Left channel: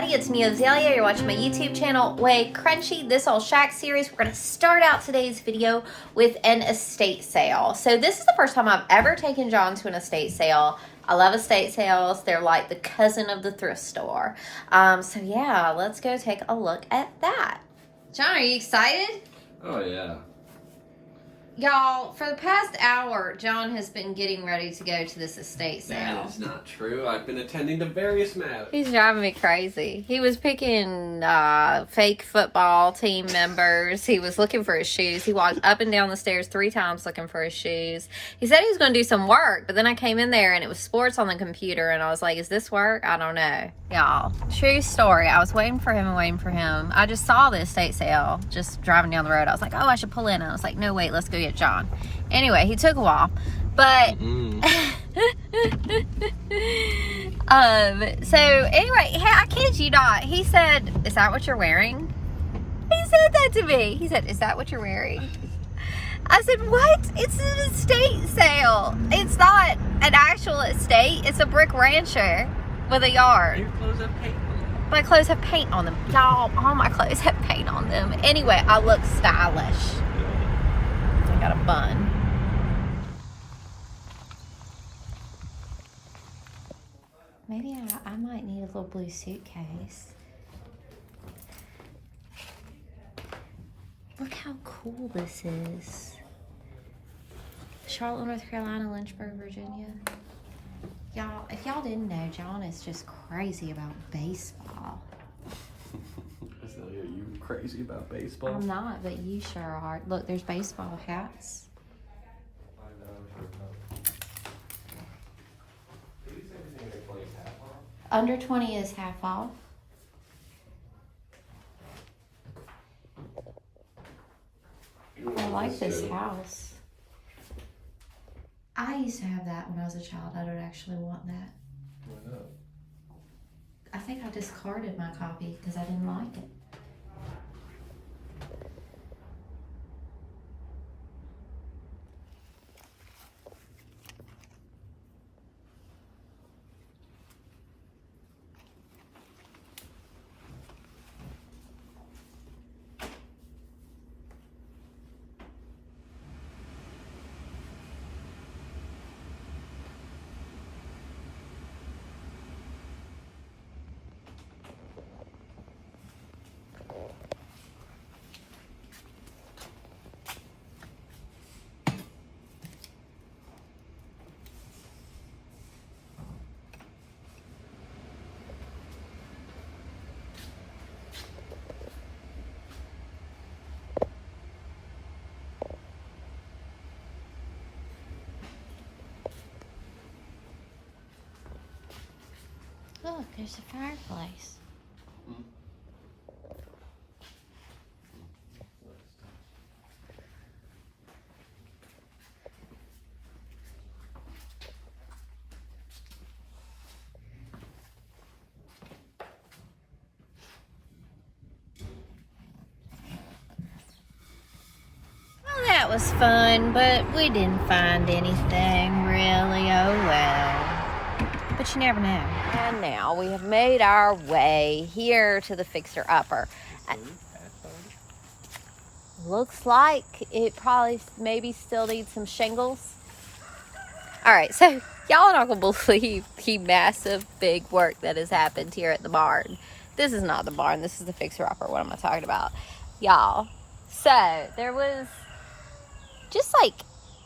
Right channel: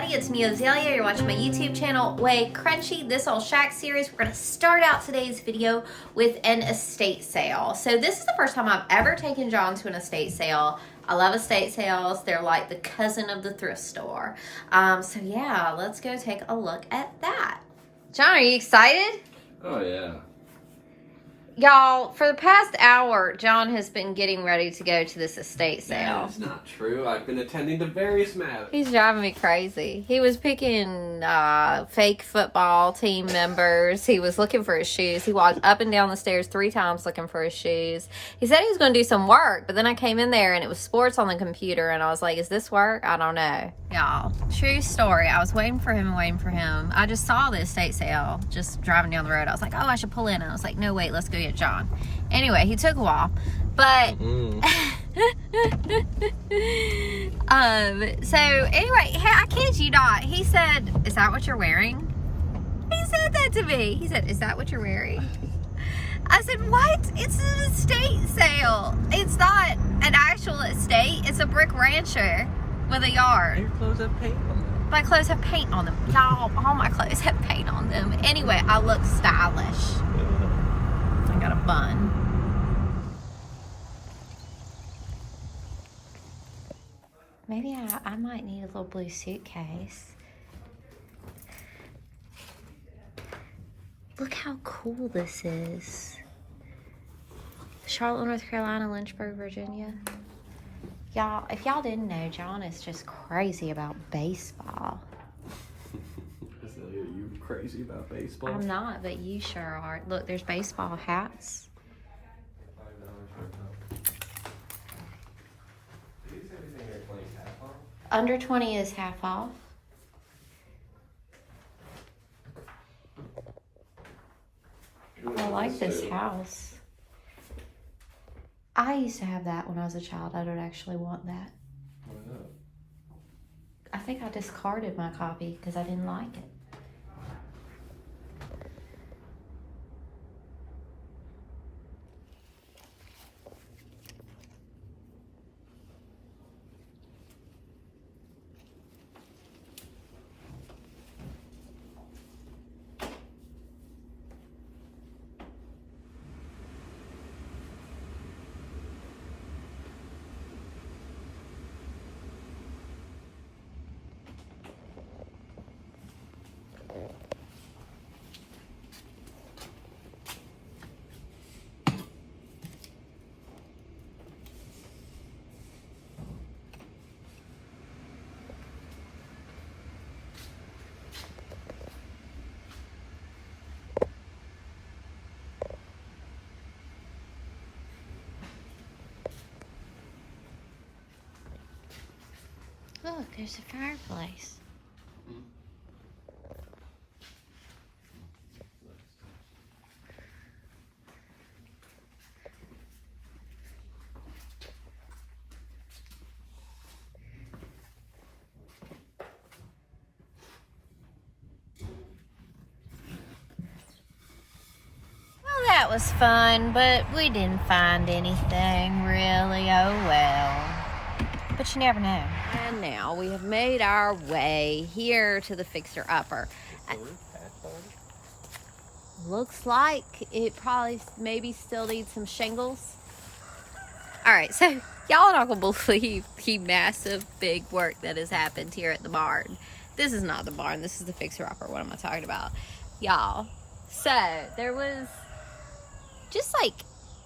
everybody, it's me, Azalea. You're watching my YouTube channel, WayCrunchy. This old shack series, we're going to start out today's video with an estate sale. So this is the first time I've ever taken John to an estate sale. I love estate sales. They're like the cousin of the thrift store. So yeah, let's go take a look at that. John, are you excited? Oh yeah. Y'all, for the past hour, John has been getting ready to go to this estate sale. That is not true. I've been attending to various matters. He's driving me crazy. He was picking fake football team members. He was looking for his shoes. He walked up and down the stairs 3 times looking for his shoes. He said he was going to do some work, but then I came in there and it was sports on the computer, and I was like, is this work? I don't know. Y'all, true story. I was waiting for him and waiting for him. I just saw the estate sale just driving down the road. I was like, oh, I should pull in. I was like, no, wait, let's go get John. Anyway, he took a while, but so anyway, I kid you not, he said, is that what you're wearing? He said that to me. He said, is that what you're wearing? I said, what? It's an estate sale. It's not an actual estate. It's a brick rancher with a yard. Your clothes have paint on them. My clothes have paint on them. Y'all, all my clothes have paint on them. Anyway, I look stylish. I got a bun. Maybe I might need a little blue suitcase. Look how cool this is. Charlotte, North Carolina, Lynchburg, Virginia. Y'all, if y'all didn't know, John is just crazy about baseball. Are you crazy about baseball? I'm not, but you sure are. Look, there's baseball hats. Under 20 is half off. I like this house. I used to have that when I was a child. I don't actually want that. Why not? I think I discarded my copy because I didn't like it. Look, there's a fireplace. Well, that was fun, but we didn't find anything really. Oh well. But you never know. And now we have made our way here to the fixer-upper. Looks like it probably maybe still needs some shingles. All right, so y'all are not going to believe the massive big work that has happened here at the barn. This is not the barn. This is the fixer-upper. What am I talking about? Y'all, so there was just like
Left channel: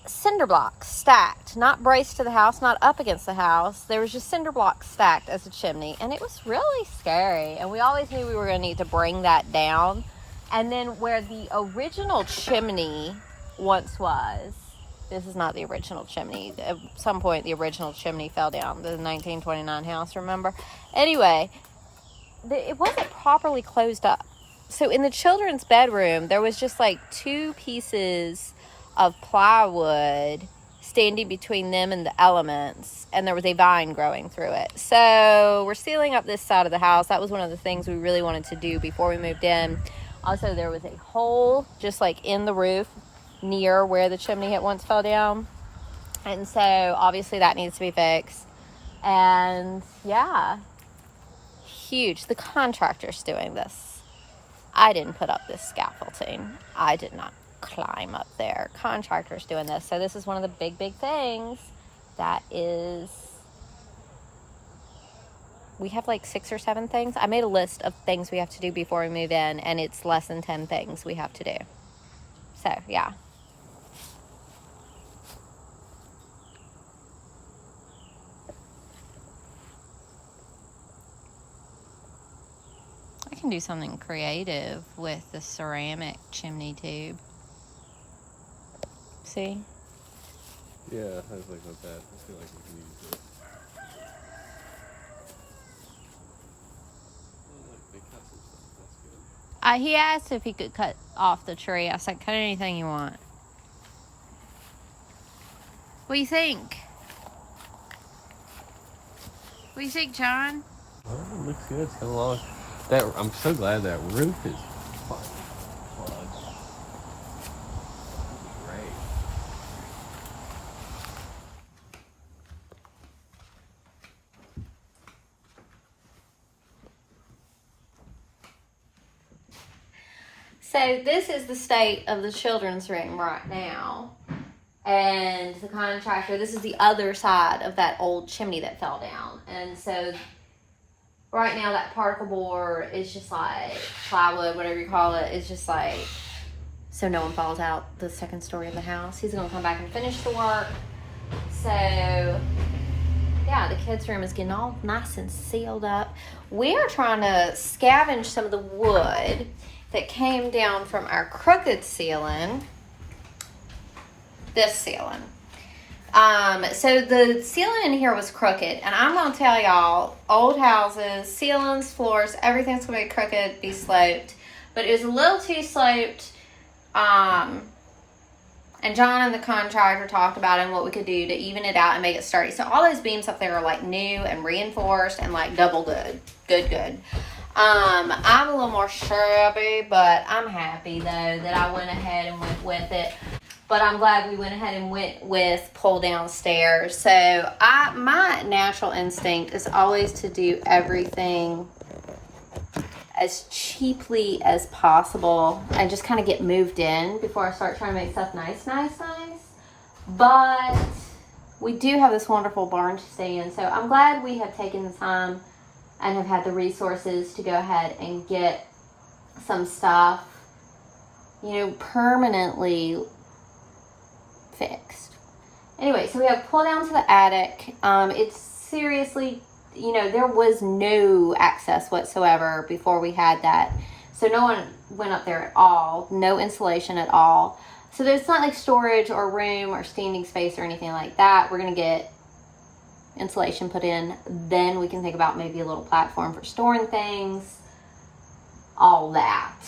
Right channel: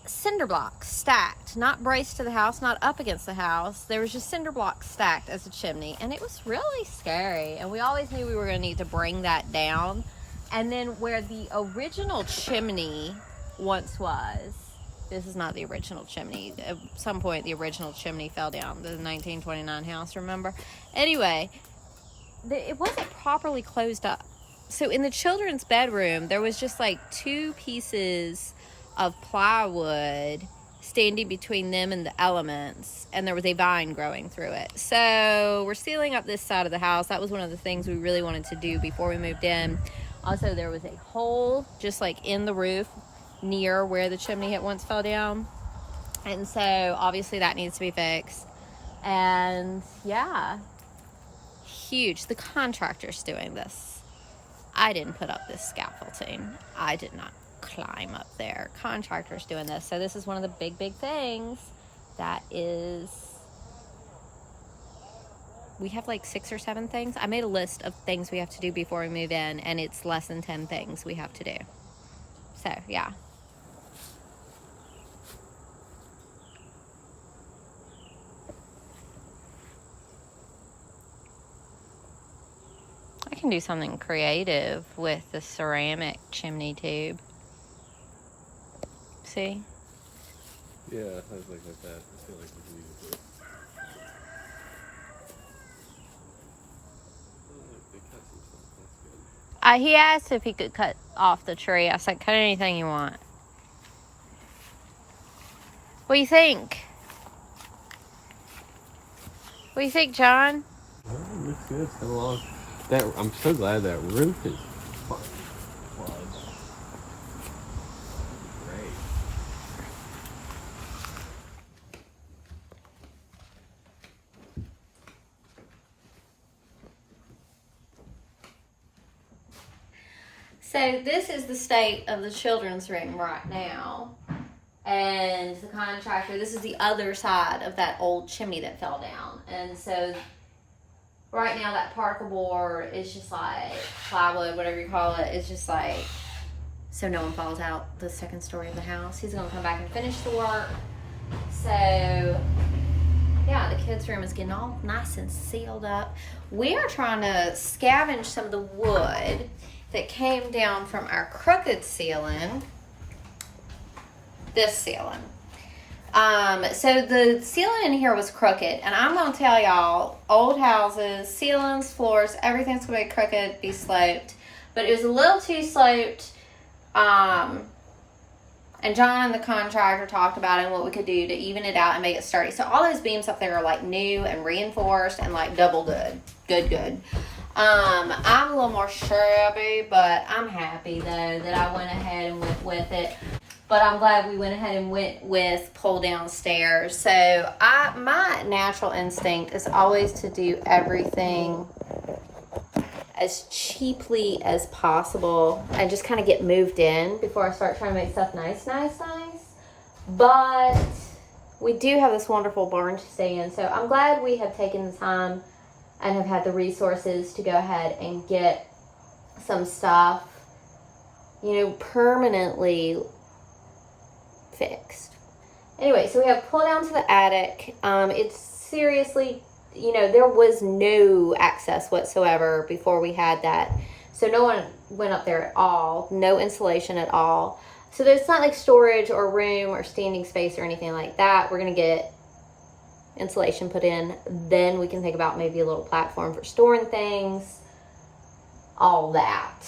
cinder blocks stacked, not braced to the house, not up against the house. There was just cinder blocks stacked as a chimney, and it was really scary. And we always knew we were going to need to bring that down. And then where the original chimney once was, this is not the original chimney. At some point, the original chimney fell down. The 1929 house, remember? Anyway, it wasn't properly closed up. So in the children's bedroom, there was just like 2 pieces of plywood standing between them and the elements, and there was a vine growing through it. So we're sealing up this side of the house. That was one of the things we really wanted to do before we moved in. Also, there was a hole just like in the roof near where the chimney had once fell down, and so obviously that needs to be fixed. And yeah, huge. The contractor's doing this. I didn't put up this scaffolding. I did not climb up there. Contractor's doing this. So this is one of the big things that is, we have like 6 or 7 things. I made a list of things we have to do before we move in, and it's less than 10 things we have to do. So yeah. I can do something creative with the ceramic chimney tube. See? Yeah, I was like with that. I feel like we can use it. Oh, look, they cut some stuff. That's good. He asked if he could cut off the tree. I said, cut anything you want. What do you think? What do you think, John? Oh, it looks good. It's got a lot. I'm so glad that roof is fine. Great. So this is the state of the children's room right now. And the contractor, this is the other side of that old chimney that fell down. And so right now that particle board is just like plywood, whatever you call it, is just like, so no one falls out the second story of the house. He's gonna come back and finish the work. So yeah, the kids' room is getting all nice and sealed up. We are trying to scavenge some of the wood that came down from our crooked ceiling. This ceiling. So the ceiling in here was crooked, and I'm gonna tell y'all, old houses, ceilings, floors, everything's gonna be crooked, be sloped, but it was a little too sloped. And John and the contractor talked about it and what we could do to even it out and make it sturdy. So all those beams up there are like new and reinforced and like double good. I'm a little more shabby, but I'm happy though that I went ahead and went with it. But I'm glad we went ahead and went with pull down stairs. So my natural instinct is always to do everything as cheaply as possible and just kind of get moved in before I start trying to make stuff nice. But we do have this wonderful barn to stay in. So I'm glad we have taken the time and have had the resources to go ahead and get some stuff, permanently fixed. Anyway, so we have pull down to the attic. It's seriously, there was no access whatsoever before we had that. So no one went up there at all. No insulation at all. So there's not like storage or room or standing space or anything like that. We're going to get insulation put in. Then we can think about maybe a little platform for storing things. All that.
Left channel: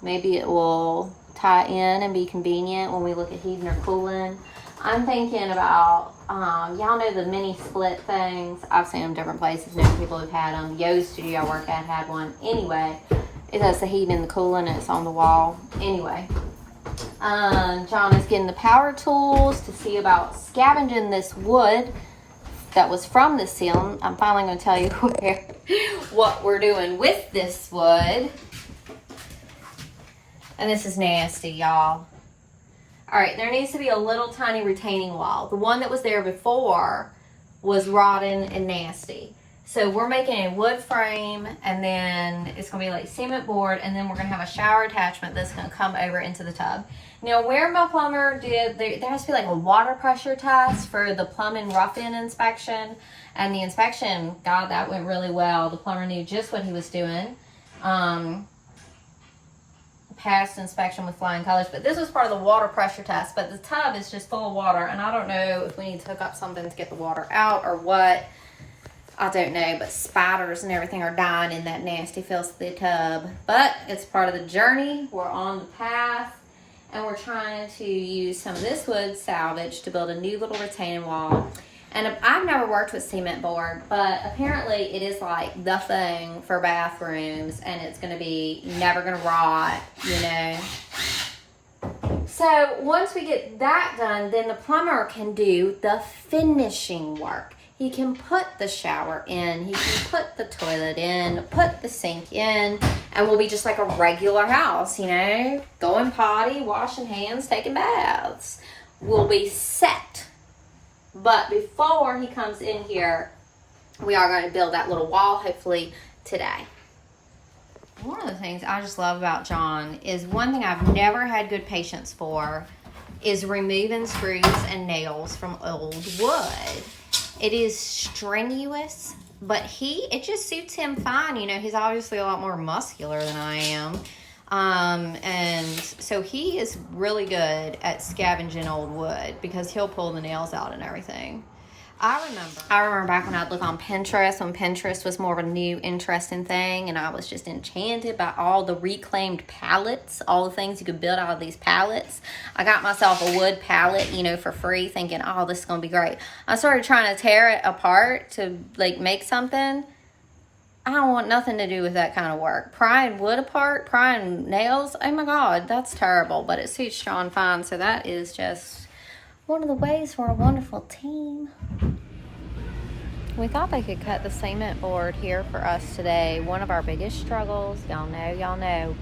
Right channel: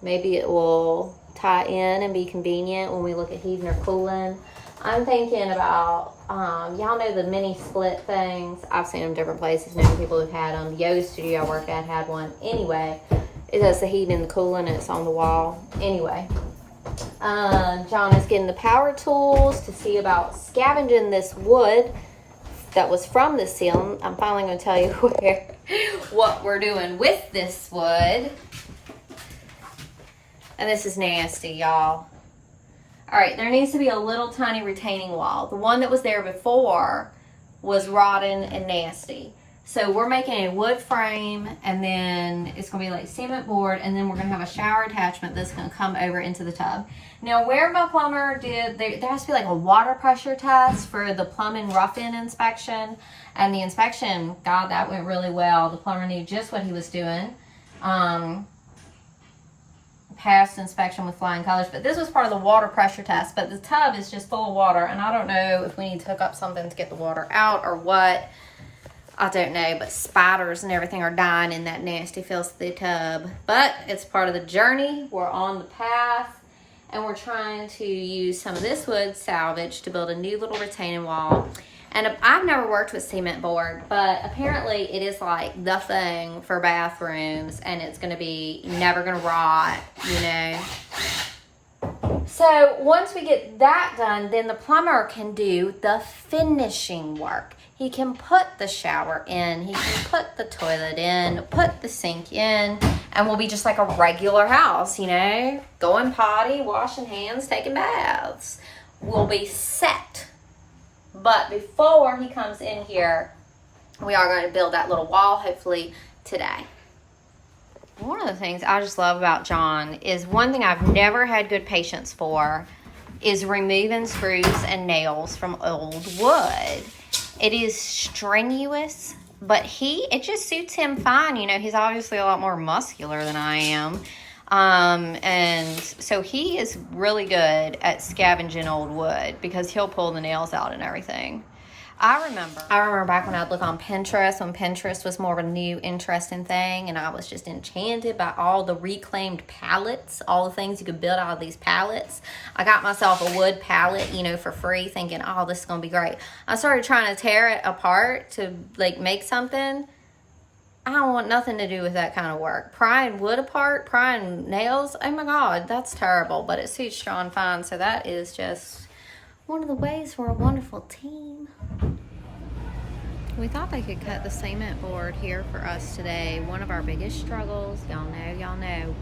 Maybe it will tie in and be convenient when we look at heating or cooling. I'm thinking about, y'all know the mini split things. I've seen them different places. Many people have had them. The yoga studio I work at had one. Anyway, it does the heating and the cooling, and it's on the wall. Anyway, John is getting the power tools to see about scavenging this wood that was from the ceiling. I'm finally going to tell you what we're doing with this wood. And this is nasty, y'all. All right, there needs to be a little tiny retaining wall. The one that was there before was rotten and nasty. So we're making a wood frame, and then it's gonna be like cement board, and then we're gonna have a shower attachment that's gonna come over into the tub. Now, where my plumber did, there has to be like a water pressure test for the plumbing rough-in inspection. And the inspection, God, that went really well. The plumber knew just what he was doing. Passed inspection with flying colors, but this was part of the water pressure test. But the tub is just full of water, and I don't know if we need to hook up something to get the water out or what. I don't know, but spiders and everything are dying in that nasty filthy tub. But it's part of the journey. We're on the path, and we're trying to use some of this wood salvage to build a new little retaining wall. And I've never worked with cement board, but apparently it is like the thing for bathrooms, and it's going to be never going to rot, So once we get that done, then the plumber can do the finishing work. He can put the shower in, he can put the toilet in, put the sink in, and we'll be just like a regular house, you know, going potty, washing hands, taking baths. We'll be set. But before he comes in here, we are going to build that little wall, hopefully today. One of the things I just love about John is one thing I've never had good patience for is removing screws and nails from old wood. It is strenuous, but it just suits him fine. You know, he's obviously a lot more muscular than I am. And so he is really good at scavenging old wood because he'll pull the nails out and everything. I remember back when I'd look on Pinterest, when Pinterest was more of a new, interesting thing, and I was just enchanted by all the reclaimed pallets, all the things you could build out of these pallets. I got myself a wood pallet, you know, for free, thinking, oh, this is going to be great. I started trying to tear it apart to, like, make something. I don't want nothing to do with that kind of work. Prying wood apart, prying nails, oh my God, that's terrible, but it suits Sean fine, so that is just one of the ways we're a wonderful team. We thought they could cut the cement board here for us today. One of our biggest struggles, y'all know,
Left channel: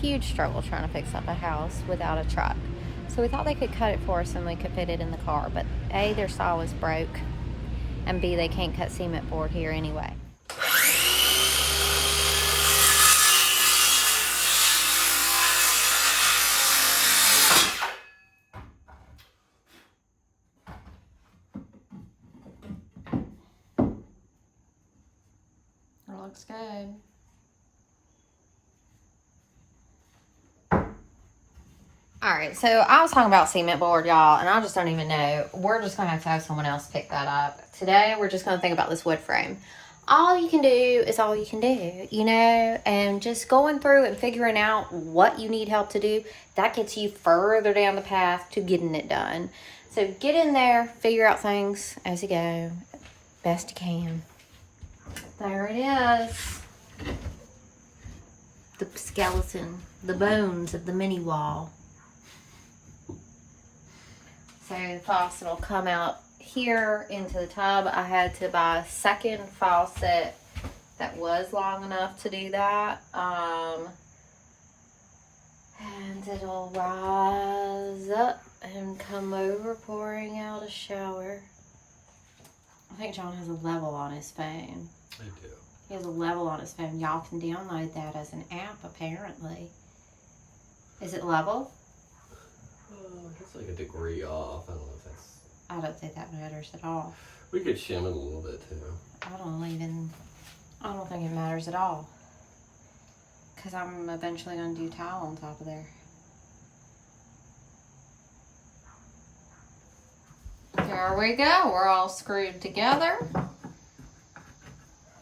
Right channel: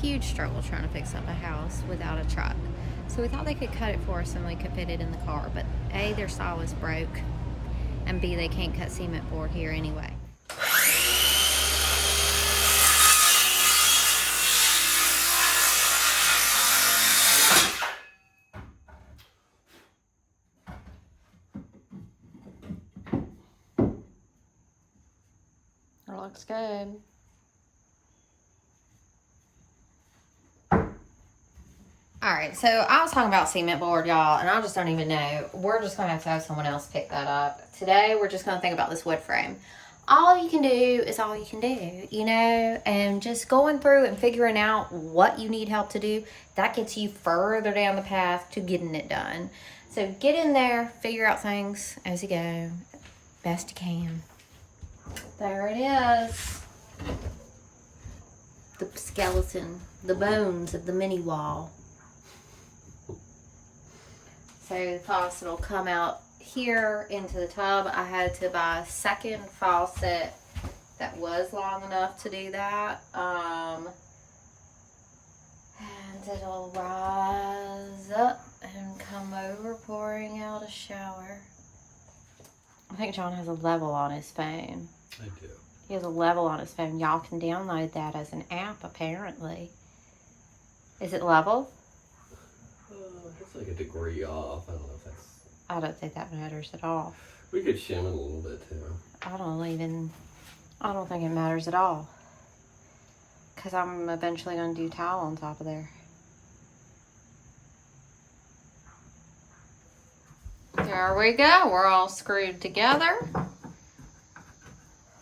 huge struggle trying to fix up a house without a truck. So we thought they could cut it for us and we could fit it in the car. But A, their saw was broke, and B, they can't cut cement board here anyway. Looks good. Alright, so I was talking about cement board, y'all, and I just don't even know. We're just going to have someone else pick that up. Today, we're just going to think about this wood frame. All you can do is all you can do, you know, and just going through and figuring out what you need help to do, that gets you further down the path to getting it done. So get in there, figure out things as you go, best you can. There it is. The skeleton, the bones of the mini wall. So the faucet will come out here into the tub. I had to buy a second faucet that was long enough to do that. And it'll rise up and come over, pouring out a shower. I think John has a level on his phone. I do. He has a level on his phone. Y'all can download that as an app, apparently. Is it level? It's like a degree off. I don't know if that's... I don't think that matters at all. We could shim it a little bit, too. I don't think it matters at all. Because I'm eventually going to do tile on top of there. There we go. We're all screwed together.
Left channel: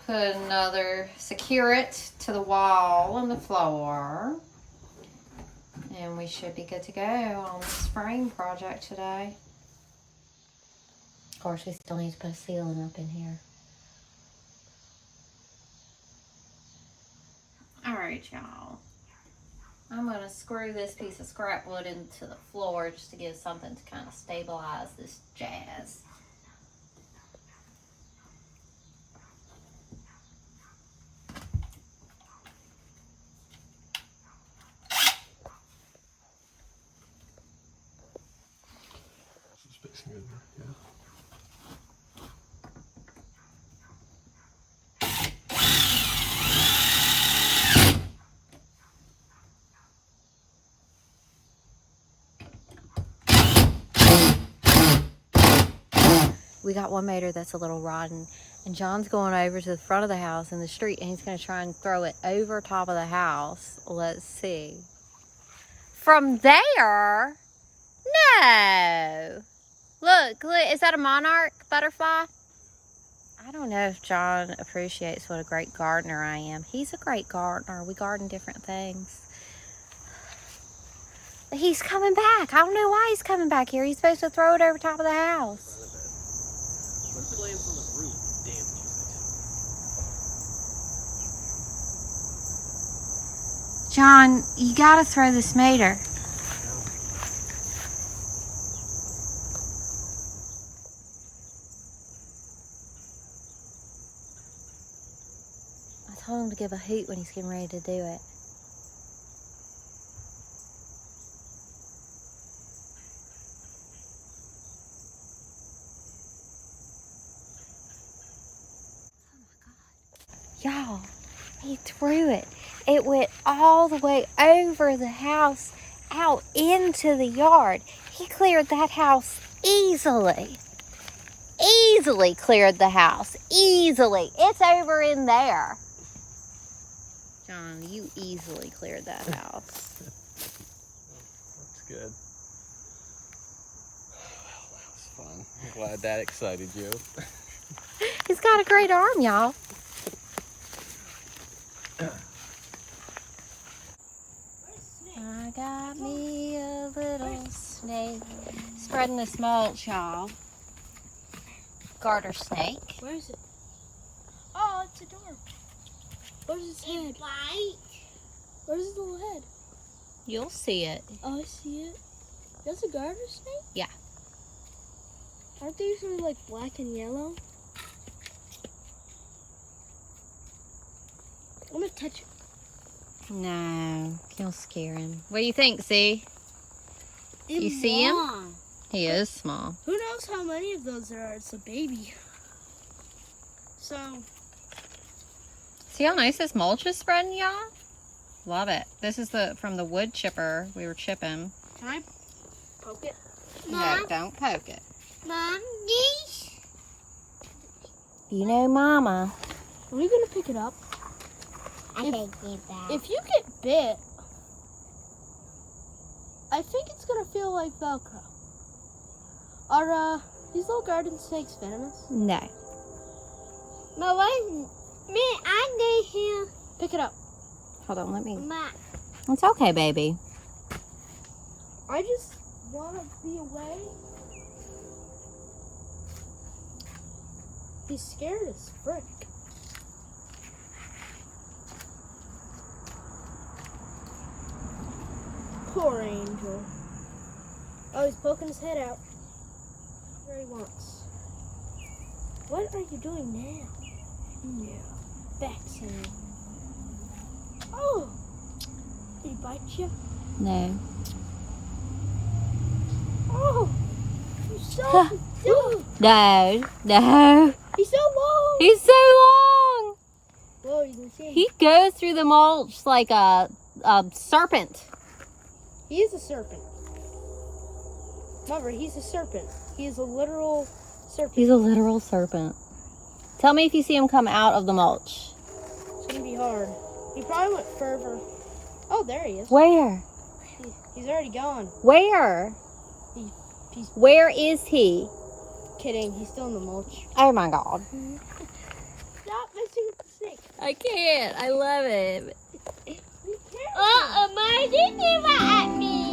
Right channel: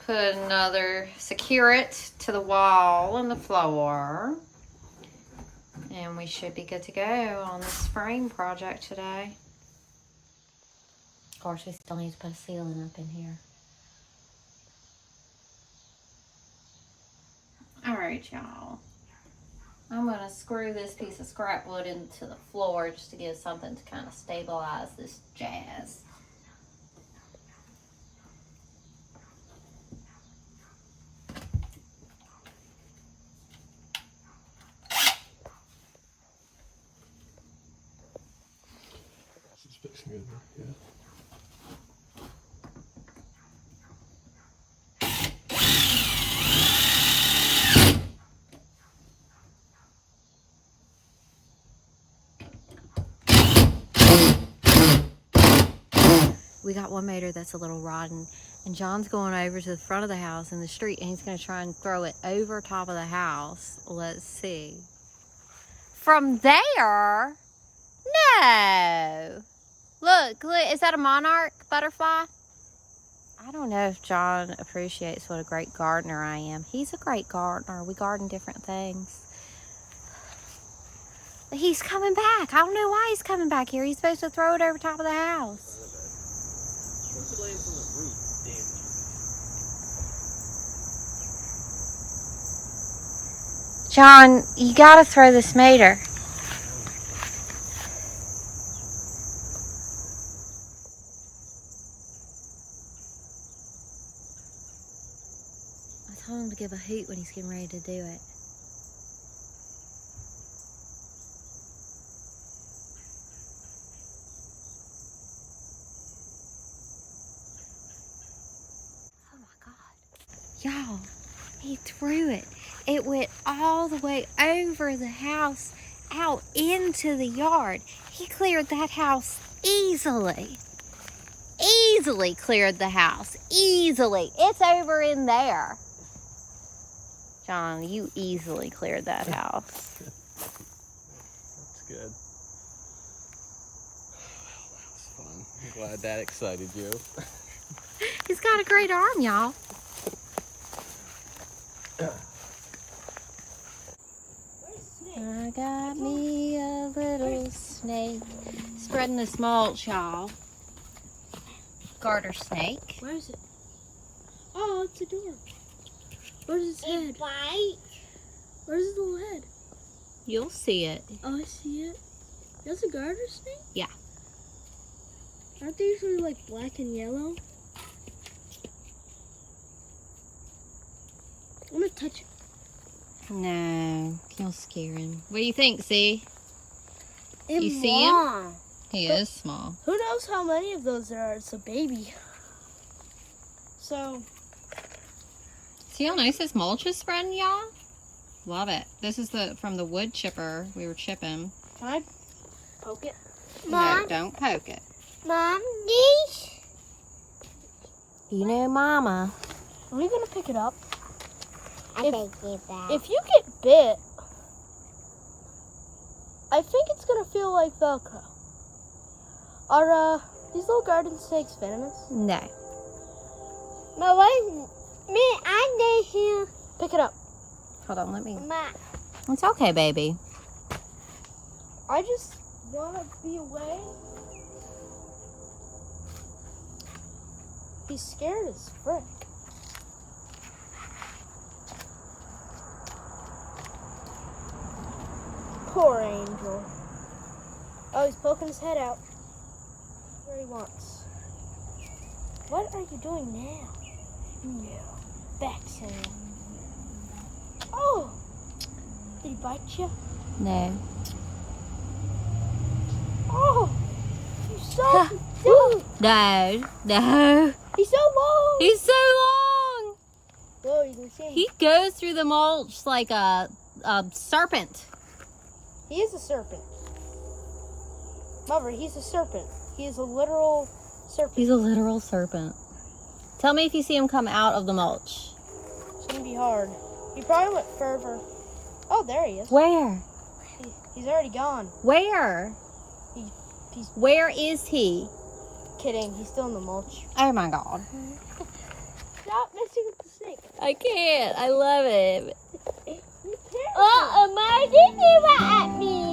Put secure it to the wall and the floor. And we should be good to go on this frame project today. Of course, we still need to put a ceiling up in here. Alright, y'all. I'm going to screw this piece of scrap wood into the floor just to give something to kind of stabilize this jazz. Fixing it, yeah. We got one motor that's a little rotten, and John's going over to the front of the house in the street, and he's going to try and throw it over top of the house. Let's see. From there? No. Look, is that a monarch butterfly? I don't know if John appreciates what a great gardener I am. He's a great gardener. We garden different things. He's coming back. I don't know why he's coming back here. He's supposed to throw it over top of the house. What if it lands on the roof and damages it? John, you gotta throw this motor. Tell him to give a hoot when he's getting ready to do it. Oh my God. Y'all, he threw it. It went all the way over the house, out into the yard. He cleared that house easily. Easily cleared the house. Easily. It's over in there. John, you easily cleared that house. That's good. Well, that was fun. I'm glad that excited you. He's got a great arm, y'all. I got me a little snake. Spreading this mulch, y'all. Garter snake. Where is it? Oh, it's a door. Where's its head? White. Where's its little head? You'll see it. Oh, I see it. That's a garter snake? Yeah. Aren't they usually like black and yellow? I'm gonna touch it. No, you'll scare him. What do you think, Z? It's You see him? long. He is small. Who knows how many of those there are? It's a baby. So, See how nice this mulch is spreading, y'all? Love it. This is from the wood chipper we were chipping. can I poke it? No, don't poke it. Mom, these? You know Mama. Are we gonna pick it up? I can't get that. If you get bit, I think it's gonna feel like Velcro. Are these little garden snakes venomous? No. But what? Me, I need you. Pick it up. Hold on, let me. Ma. It's okay, baby. I just wanna be away. He's scared as frick. Poor angel. Oh, he's poking his head out. Where he wants. What are you doing now? Yeah, vaccine. Oh! Did he bite you? No. Oh! You saw him. No. No. He's so long! He's so long. Whoa, you can see him. He goes through the mulch like a serpent. He is a serpent. Remember, he's a serpent. He is a literal serpent. He's a literal serpent. Tell me if you see him come out of the mulch. It's gonna be hard. He probably went further. Oh, there he is. Where? He's already gone. Where? He's Where is he? kidding. He's still in the mulch. Oh my God. Stop messing with the snake. I can't. I love it. Oh, Mom, did you at me?